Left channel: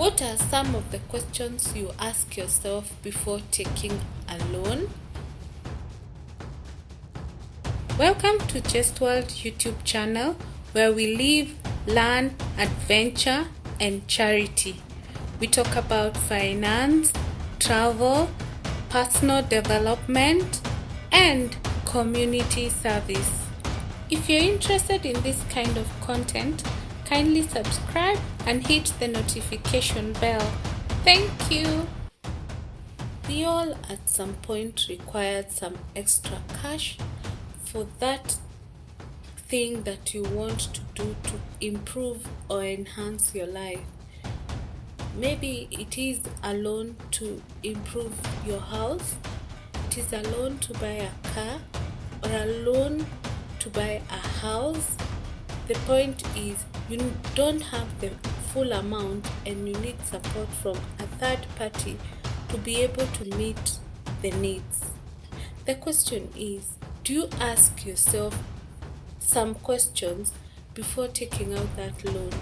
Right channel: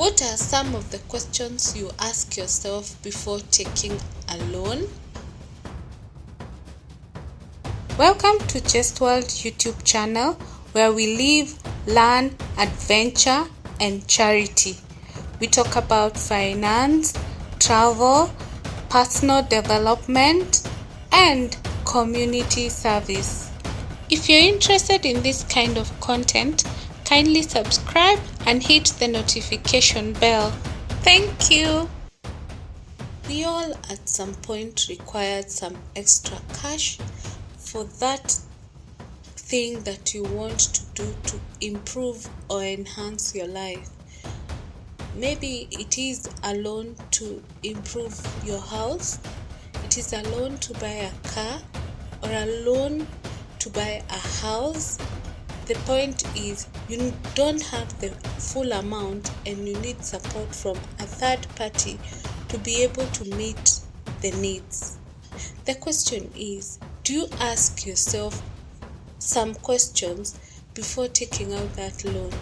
What are some of the questions you ask yourself before taking a loan? Welcome to Just World YouTube channel, where we live, learn, adventure, and charity. We talk about finance, travel, personal development, and community service. If you're interested in this kind of content, kindly subscribe and hit the notification bell. Thank you. We all at some point required some extra cash for that thing that you want to do to improve or enhance your life. Maybe it is a loan to improve your house, it is a loan to buy a car, or a loan to buy a house. The point is, you don't have the full amount and you need support from a third party to be able to meet the needs. The question is, do you ask yourself some questions before taking out that loan?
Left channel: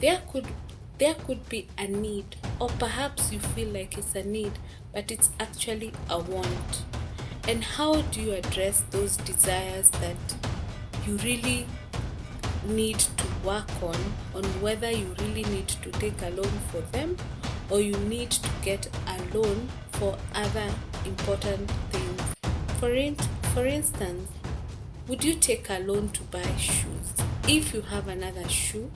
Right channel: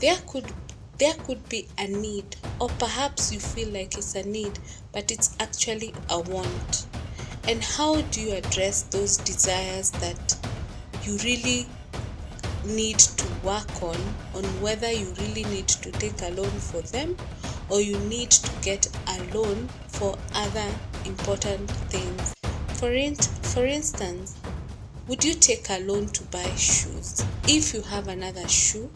There could be a need, or perhaps you feel like it's a need, but it's actually a want. And how do you address those desires that you really need to work on whether you really need to take a loan for them, or you need to get a loan for other important things? For instance, would you take a loan to buy shoes? If you have another shoe,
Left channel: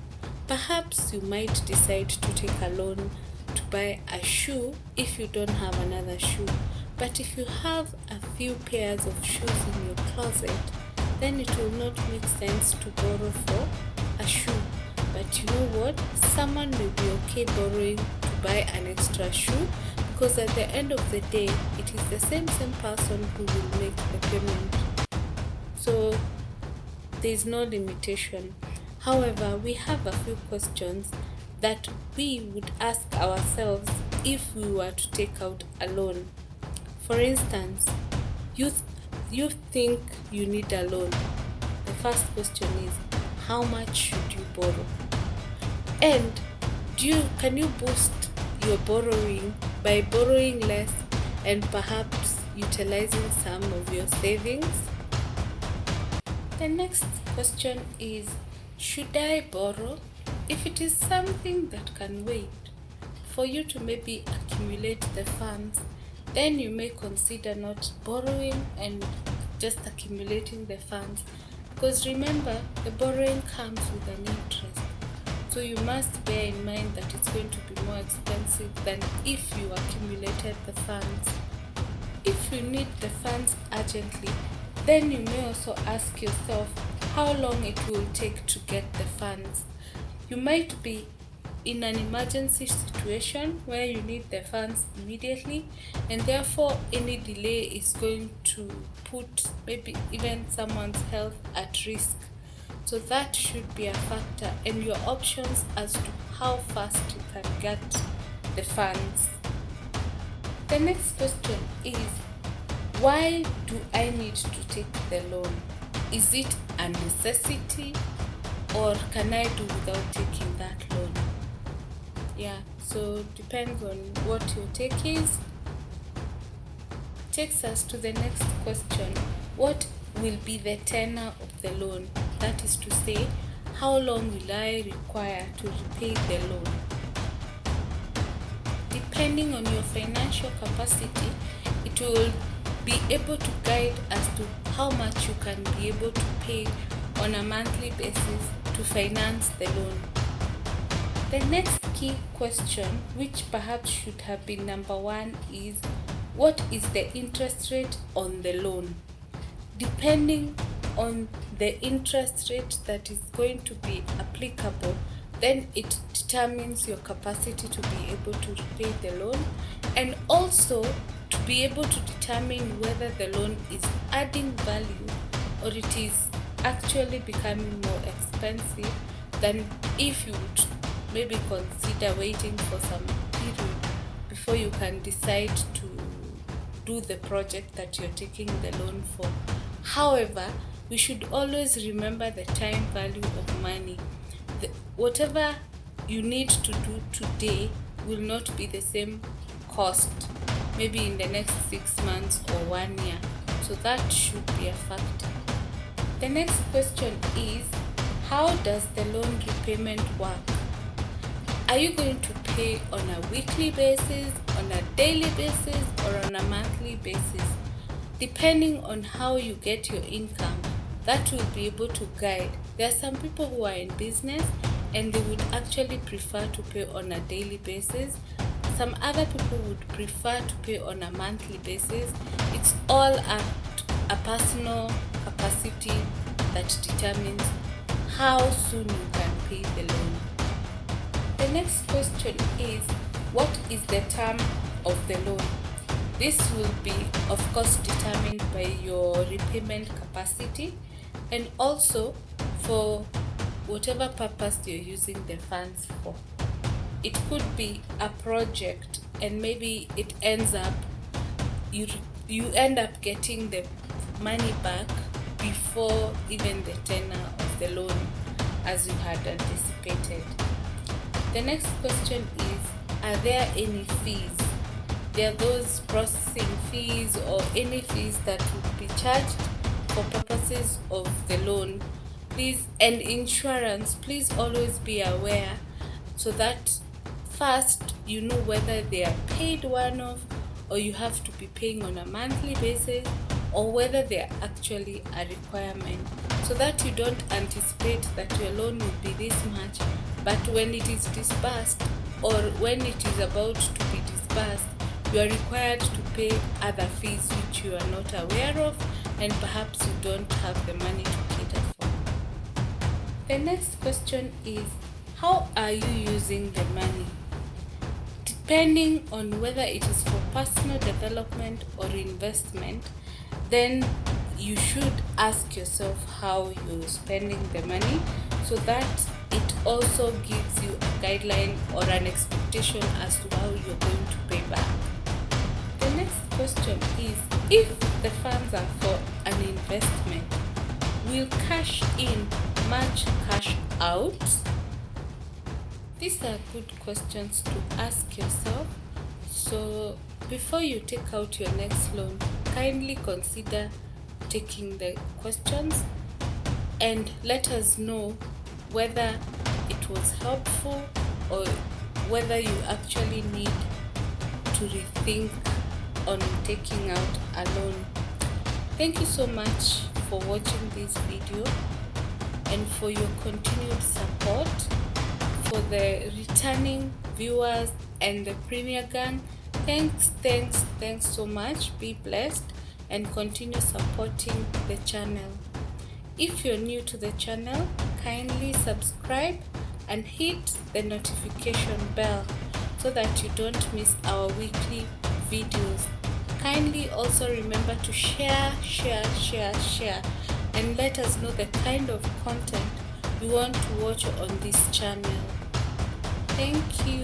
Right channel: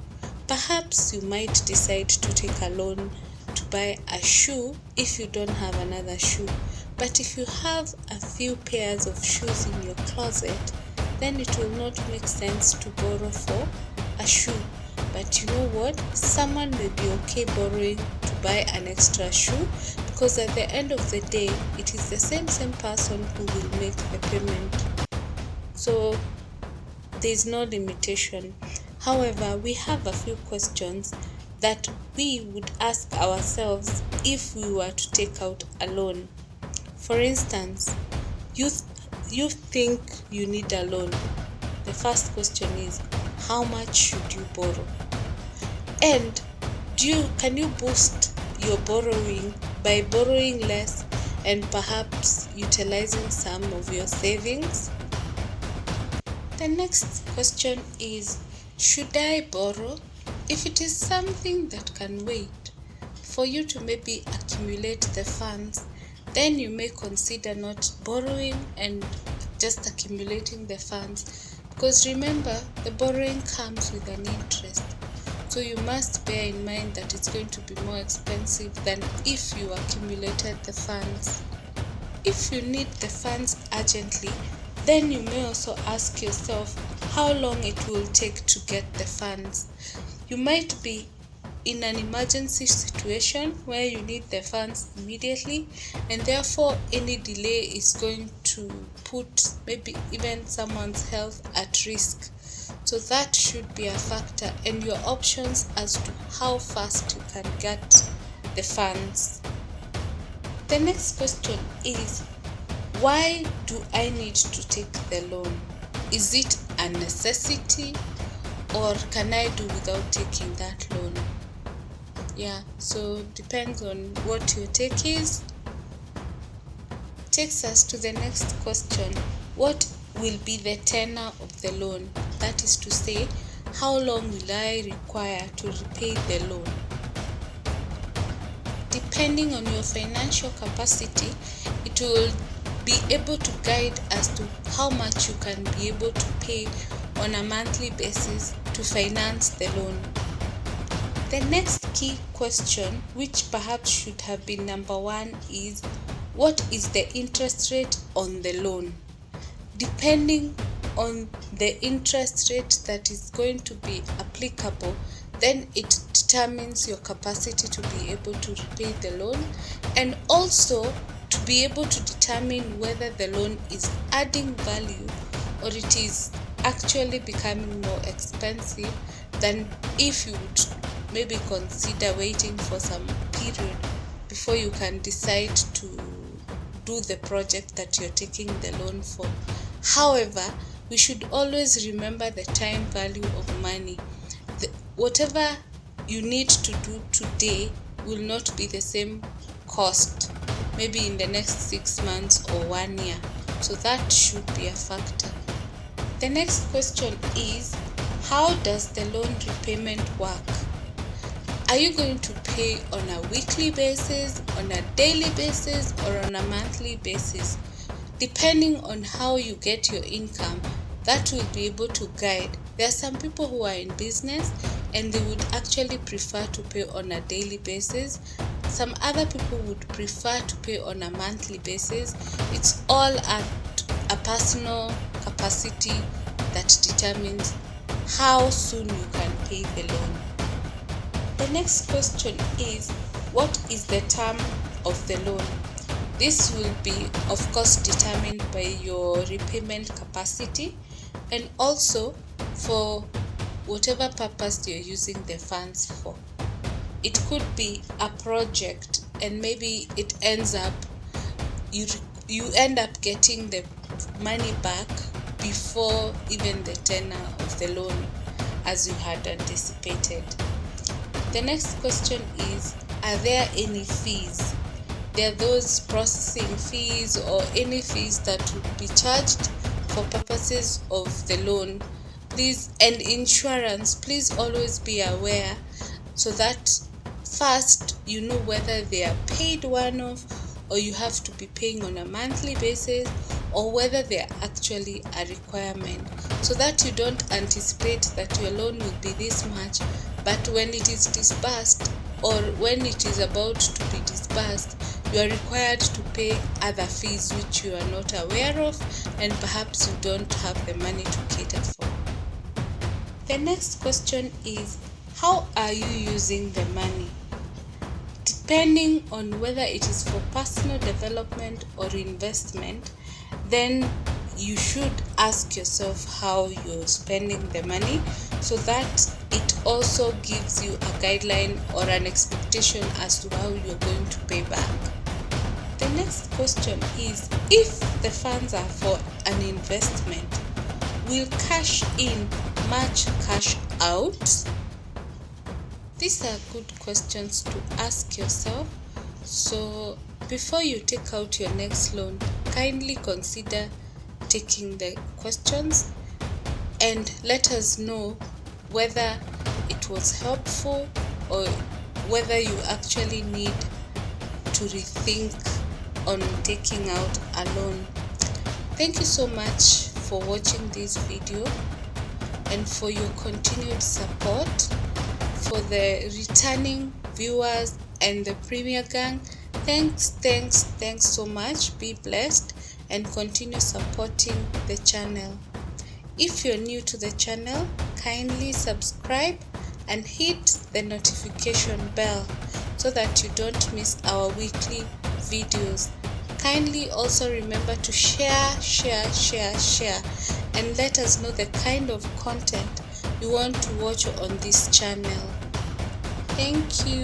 perhaps you might decide to take a loan to buy a shoe if you don't have another shoe. But if you have a few pairs of shoes in your closet, then it will not make sense to borrow for a shoe. But you know what? Someone may be okay borrowing to buy an extra shoe, because at the end of the day, it is the same person who will make the payment. So there is no limitation. However, we have a few questions that we would ask ourselves if we were to take out a loan. For instance, you think you need a loan. The first question is, how much should you borrow? And can you boost your borrowing by borrowing less and perhaps utilizing some of your savings? The next question is, should I borrow? If it is something that can wait for you to maybe accumulate the funds, then you may consider not borrowing and just accumulating the funds. Because remember, the borrowing comes with an interest. So you must bear in mind that it's going to be more expensive than if you accumulated the funds. If you need the funds urgently, then you may also ask yourself how long it will take to get the funds. You might be in an emergency situation where you need the funds immediately, and therefore any delay is going to put maybe even someone's health at risk. So that should be a factor in your options as to how fast you can get the funds. The next question is, why do I need to take the loan? Is it a necessity, or can I do without taking that loan? Yeah, so depends on what your take is. Takes us to the next question. What will be the tenor of the loan? That is to say, how long will I require to repay the loan? Depending on your financial capacity, it will be able to guide as to how much you can be able to pay on a monthly basis to finance the loan. The next key question, which perhaps should have been number one, is, what is the interest rate on the loan? Depending on the interest rate that is going to be applicable, then it determines your capacity to be able to repay the loan, and also to be able to determine whether the loan is adding value or it is actually becoming more expensive than if you would maybe consider waiting for some period before you can decide to do the project that you're taking the loan for. However, we should always remember the time value of money. Whatever you need to do today will not be the same cost, maybe in the next 6 months or 1 year. So that should be a factor. The next question is, how does the loan repayment work? Are you going to pay on a weekly basis, on a daily basis, or on a monthly basis? Depending on how you get your income, that will be able to guide. There are some people who are in business and they would actually prefer to pay on a daily basis. Some other people would prefer to pay on a monthly basis. It's all at a personal capacity that determines how soon you can pay the loan. The next question is, what is the term of the loan? This will be, of course, determined by your repayment capacity and also for whatever purpose you're using the funds for. It could be a project and maybe it ends up, you end up getting the money back before even the tenor of the loan as you had anticipated. The next question is, are there any fees? There are those processing fees or any fees that would be charged for purposes of the loan. Please, and insurance, please always be aware so that first you know whether they are paid one-off or you have to be paying on a monthly basis, or whether they are actually a requirement, so that you don't anticipate that your loan will be this much, but when it is disbursed or when it is about to be disbursed, you are required to pay other fees which you are not aware of and perhaps you don't have the money to cater for. The next question is, how are you using the money? Depending on whether it is for personal development or investment, then you should ask yourself how you're spending the money so that it also gives you a guideline or an expectation as to how you're going to pay back. The next question is, if the funds are for an investment, will cash in match cash out? These are good questions to ask yourself. So before you take out your next loan, kindly consider taking the questions and let us know whether it was helpful or whether you actually need to rethink on taking out a loan. Thank you so much for watching this video and for your continued support. For the returning viewers and the Premier Gang, thanks so much. Be blessed and continue supporting the channel. If you're new to the channel, kindly subscribe and hit the notification bell so that you don't miss our weekly videos. Kindly also remember to share and let us know the kind of content you want to watch on this channel. Thank you.